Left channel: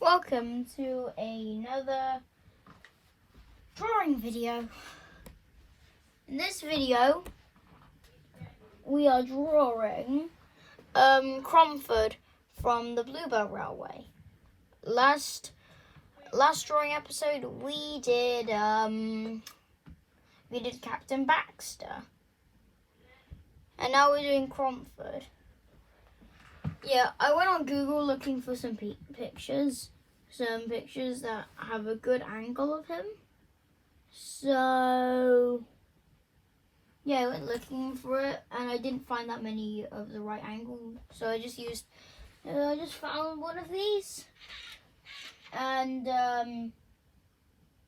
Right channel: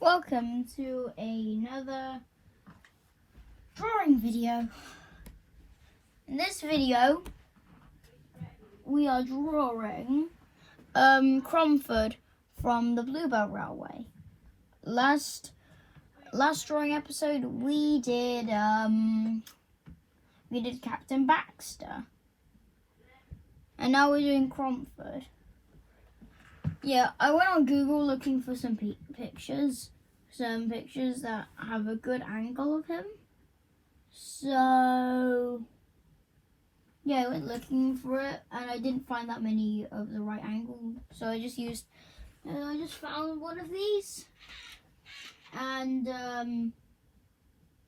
Welcome to another drawing video. In this video, we are drawing Cromford from the Bluebell Railway. Last drawing episode, we did Captain Baxter, and now we're doing Cromford. Yeah, I went on Google looking for some pictures that have a good angle of him. So, yeah, I went looking for it, and I didn't find that many of the right angle. So I just found one of these, and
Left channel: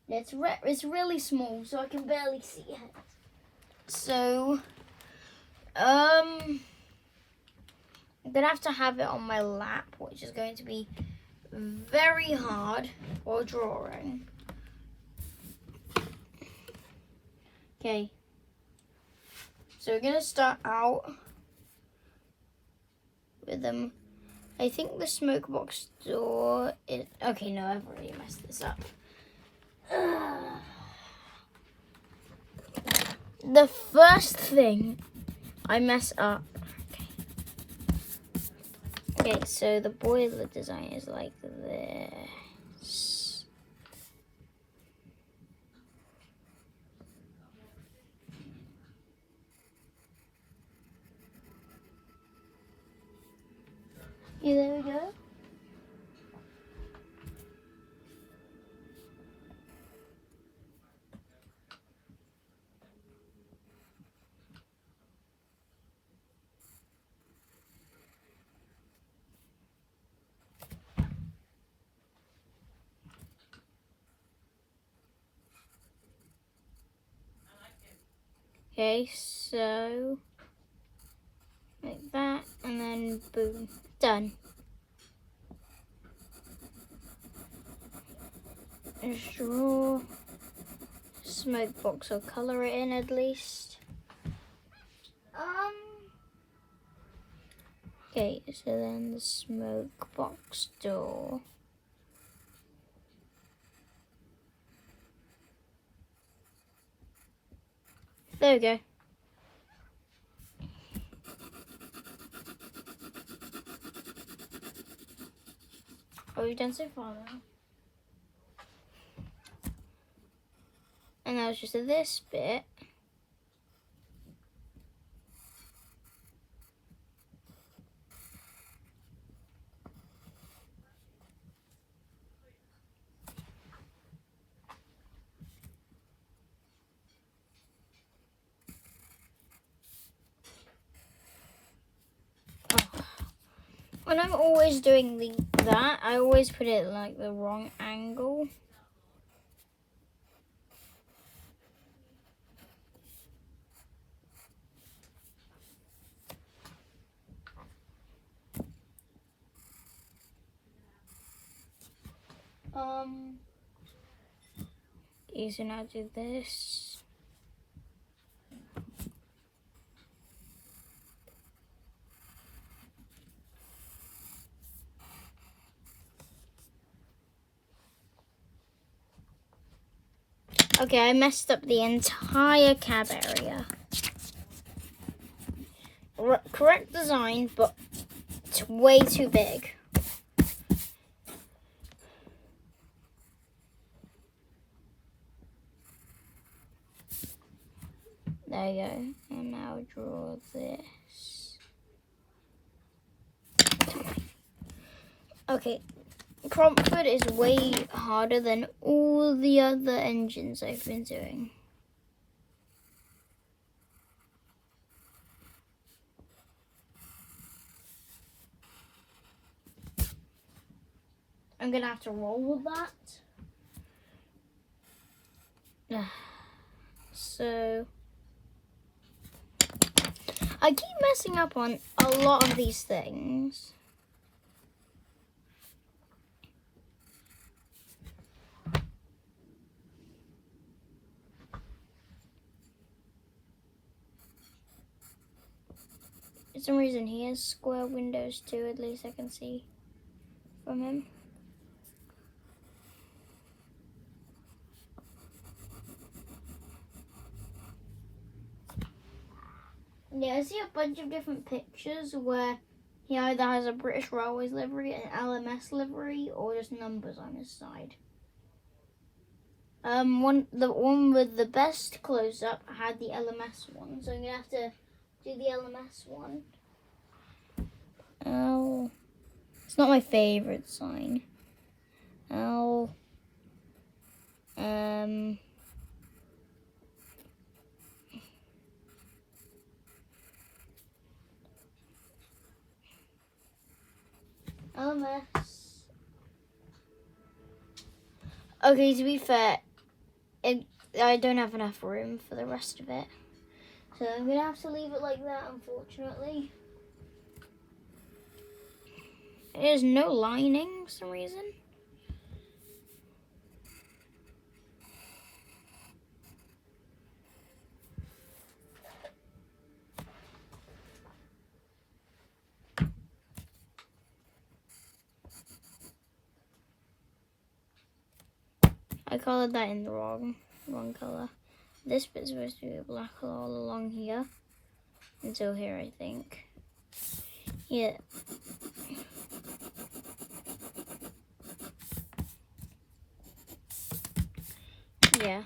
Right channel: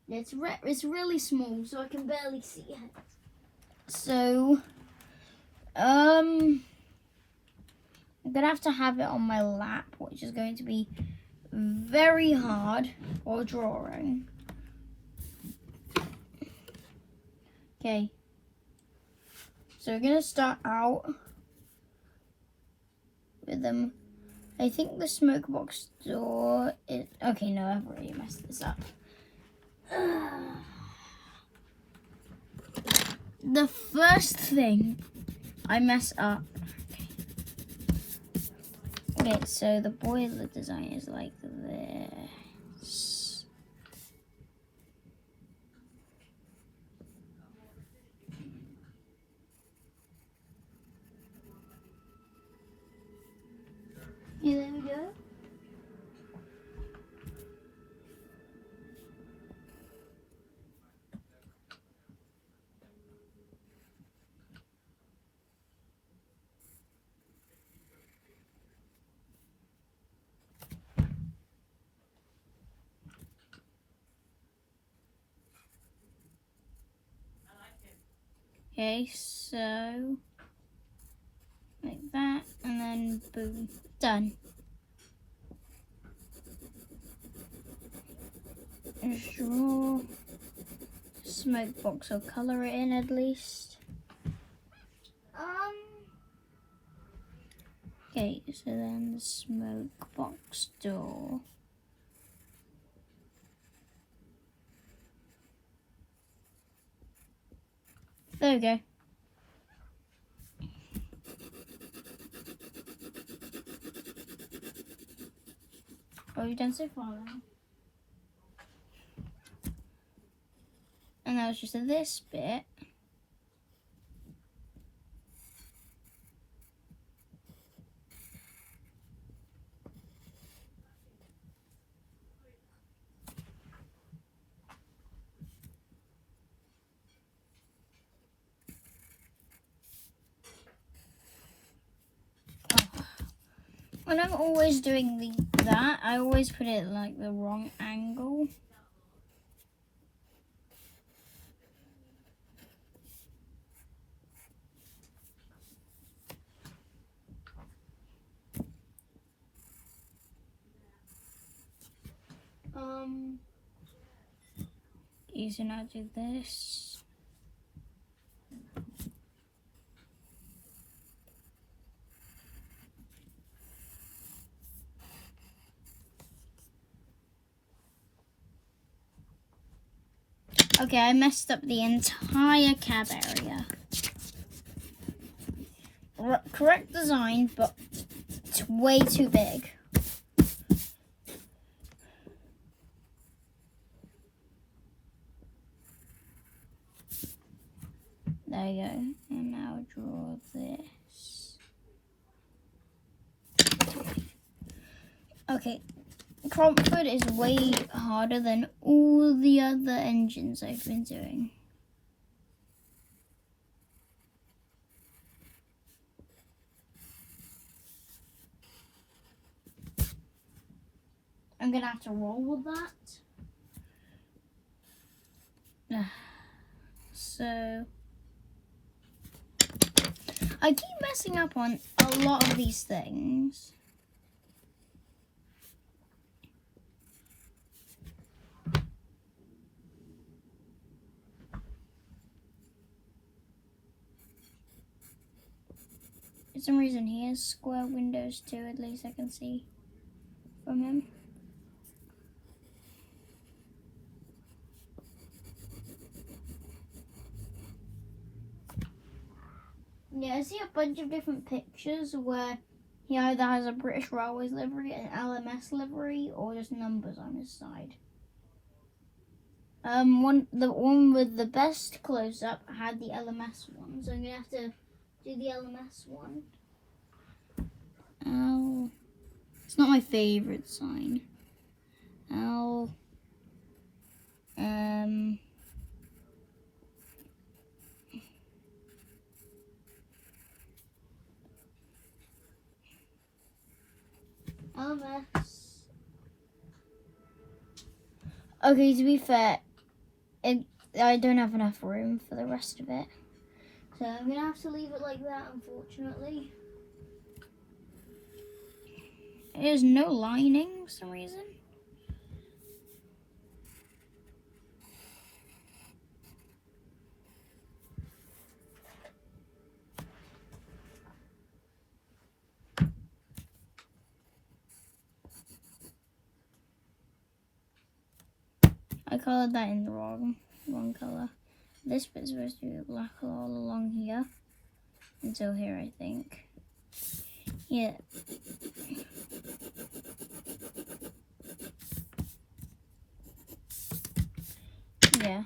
it's really small, so I can barely see it. So, I'm gonna have to have it on my lap, which is going to be very hard for drawing. Okay, so we're gonna start out with them. I think the smoke box door is okay. No, I've already messed this up. The first thing I mess up. Okay, so the boiler design is like this. Yeah, there we go. Okay, so like that, and then boom, done. Just draw smoke box. I'll color it in at least. Okay, so then the smoke box door. There we go. What have we done so far now? And now it's just this bit. When I'm always doing that, I always put it like the wrong angle. So now do this. Okay, I messed up the entire cab area. Correct design, but it's way too big. There you go. And now draw this. Okay. Cromford is way harder than all the other engines I've been doing. I'm gonna have to roll with that. So I keep messing up on a lot of these things. For some reason he has square windows too, at least I can see from him. Yeah, I see a bunch of different pictures where he either has a British Railways livery, an LMS livery, or just numbers on his side. The one with the best close-up had the LMS one, so I'm gonna have to do the LMS one. Oh, it's not my favorite sign. Oh, LMS. Okay, to be fair, I don't have enough room for the rest of it, so I'm gonna have to leave it like that, unfortunately. There's no lining for some reason. I colored that in the wrong color. This bit's supposed to be black all along here. Until here, I think. Yeah. Yeah.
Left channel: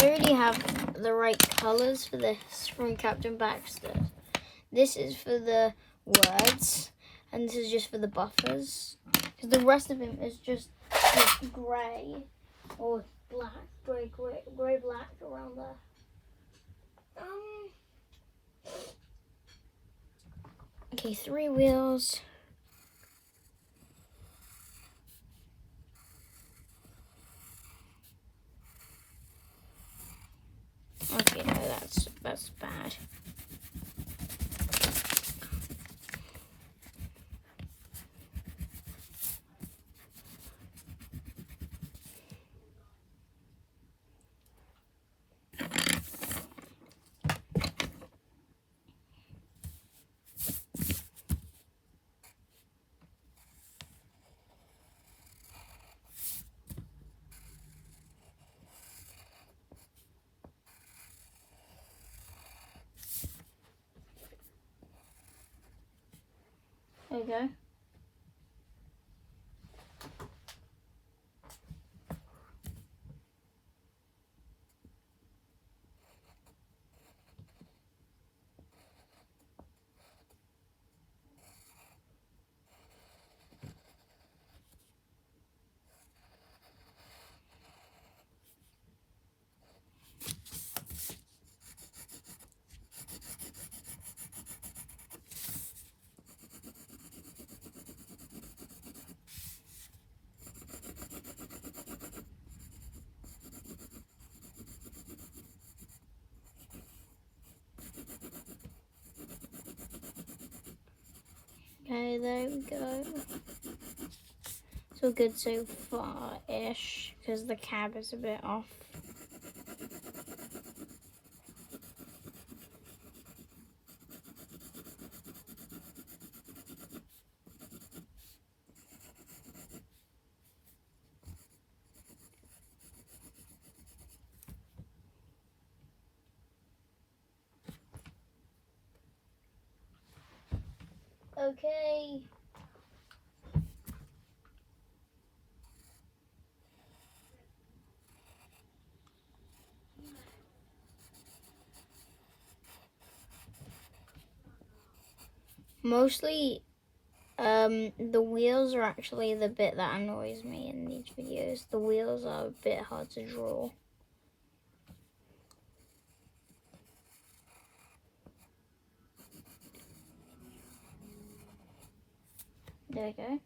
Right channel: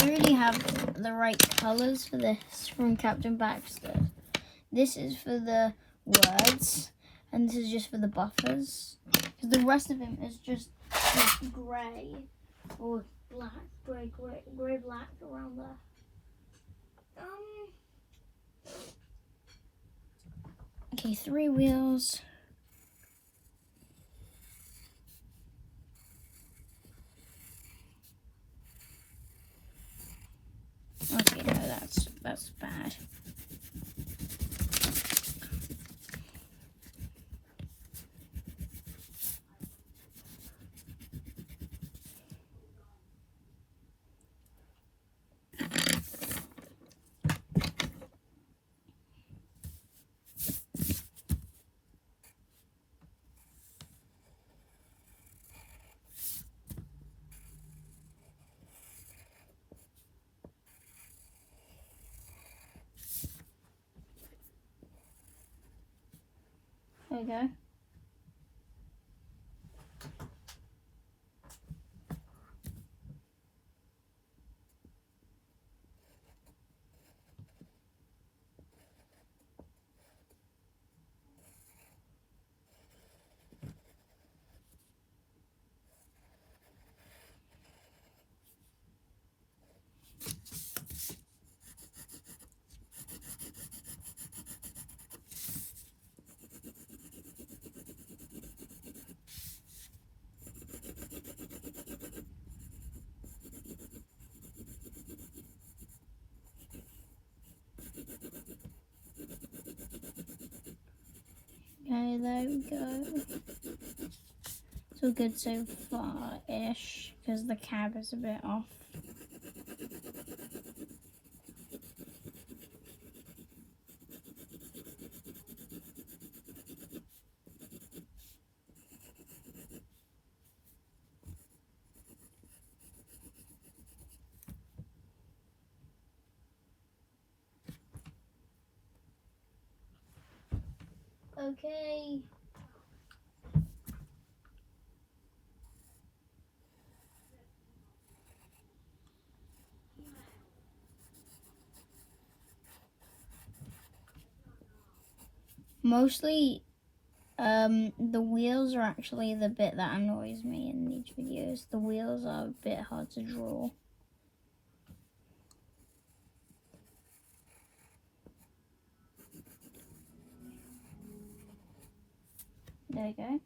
I already have the right colors for this from Captain Baxter. This is for the words, and this is just for the buffers. Because the rest of him is just grey or black, grey, black around there. Okay, 3 wheels. Okay, no, that's bad. There you go. Okay, there we go. It's all good so far-ish, because the cab is a bit off. Okay. Mostly, the wheels are actually the bit that annoys me in these videos. The wheels are a bit hard to draw. There you go.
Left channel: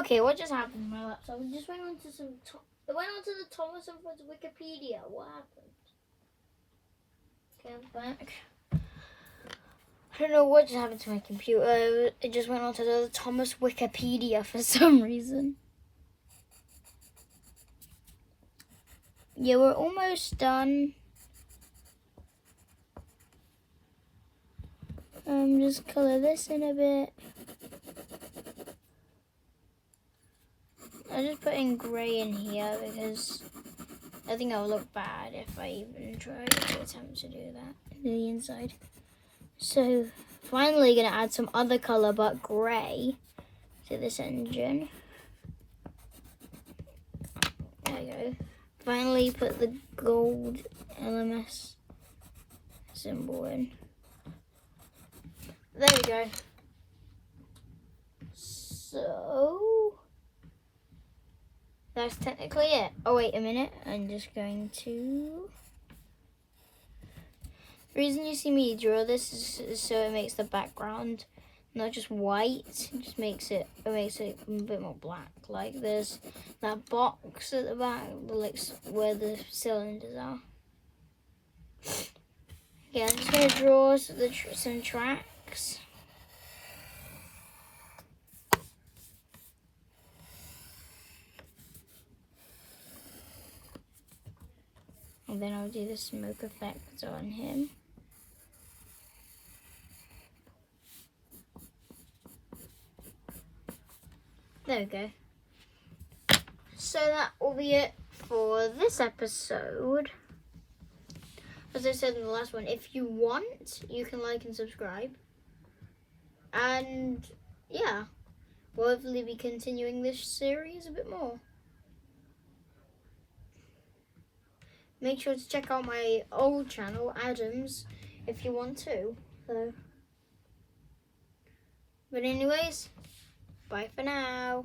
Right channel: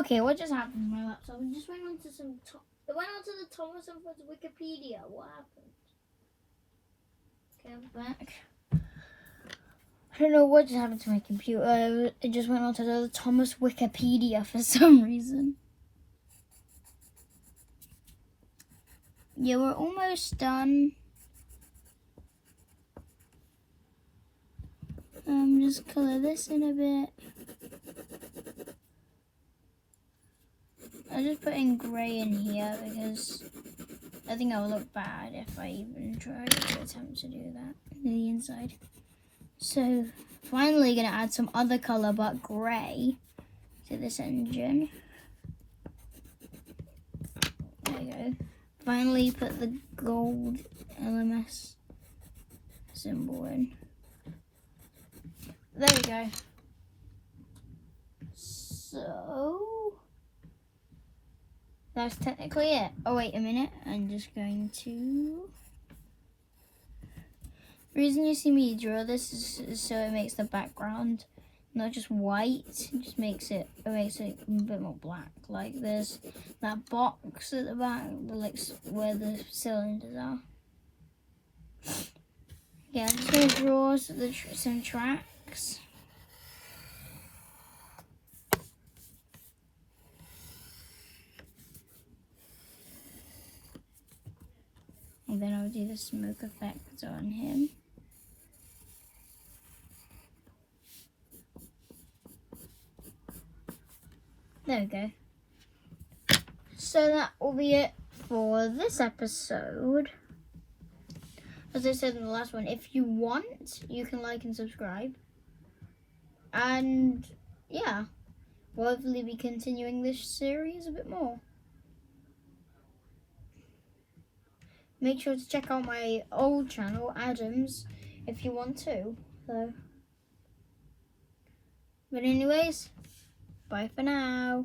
Okay, what just happened to my laptop? It just went onto it went onto the Thomas and Friends Wikipedia. What happened? Okay, I'm back. I don't know what just happened to my computer. It just went onto the Thomas Wikipedia for some reason. Yeah, we're almost done. Just color this in a bit. I just put in grey in here because I think I'll look bad if I even try to attempt to do that in the inside. So finally gonna add some other color but grey to this engine. There you go. Finally put the gold LMS symbol in. There we go. So that's technically it. Oh wait a minute, I'm just going to... The reason you see me draw this is so it makes the background not just white, it just makes it a bit more black. Like there's that box at the back, like where the cylinders are. Yeah, I'm just going to draw some tracks. And then I'll do the smoke effect on him. There we go. So that will be it for this episode. As I said in the last one, if you want, you can like and subscribe. And yeah, we'll hopefully be continuing this series a bit more. Make sure to check out my old channel, Adams, if you want to. So, but anyways, bye for now.